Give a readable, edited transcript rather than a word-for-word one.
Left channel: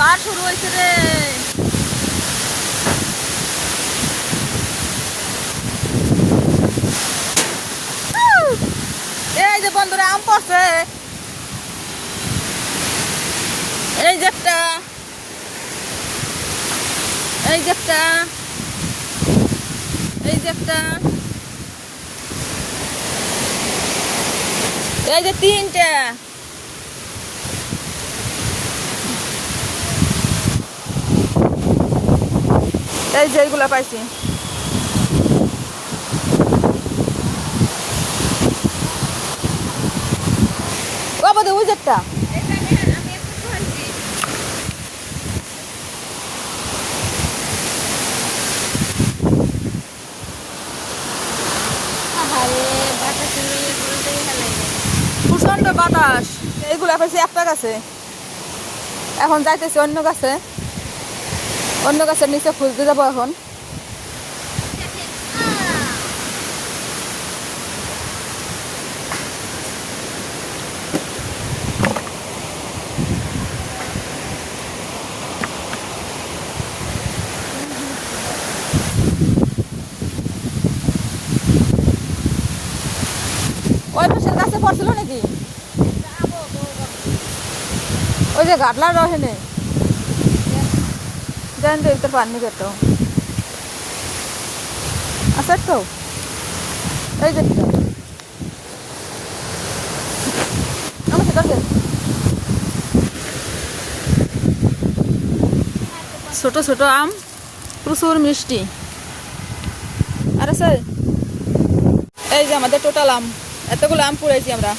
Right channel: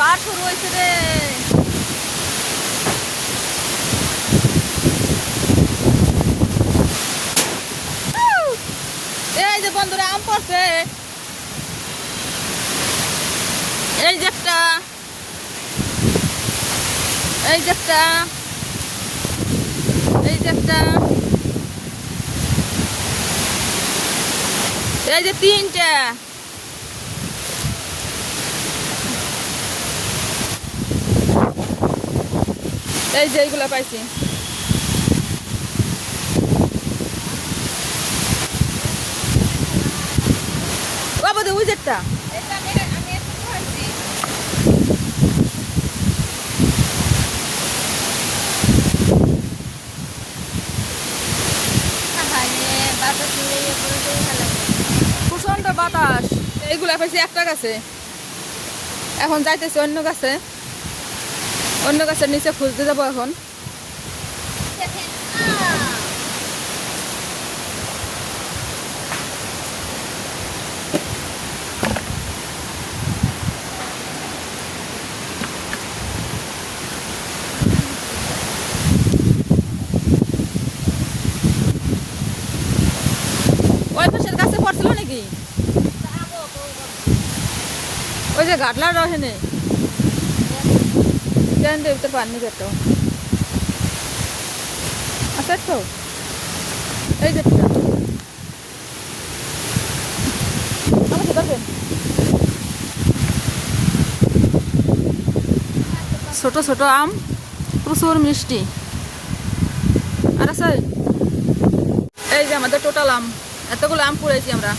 ঝড় শুরু হয়েছে রে। এই যে বন্ধুরা আম পড়ছে, এই যে একটা, এই যে একটা, এই যে একটা, এই যে তিনটা। এই যে এইগুলা পাইছি। ও বোধ ওই যেটা প্রচন্ড বাতাস। এইগুলা পাইছি একটা গাছে, এখন যাইতেছি অন্য গাছে, অন্য গাছের নিচে খুঁজতে যাবো এখন। ওই পাশের গাছে পড়ছিল নাকি? ওই যে ঘাটলার রহেনে দেন তো ভিতর পানি কেটো আচ্ছা তো। এই যে আমার সেটা ছোট ছোট আম, প্রচুর মিষ্টি। আর আছে এই যে আমাদের টোটাল আম, এতগুলো আম পুড়াইছি আমরা।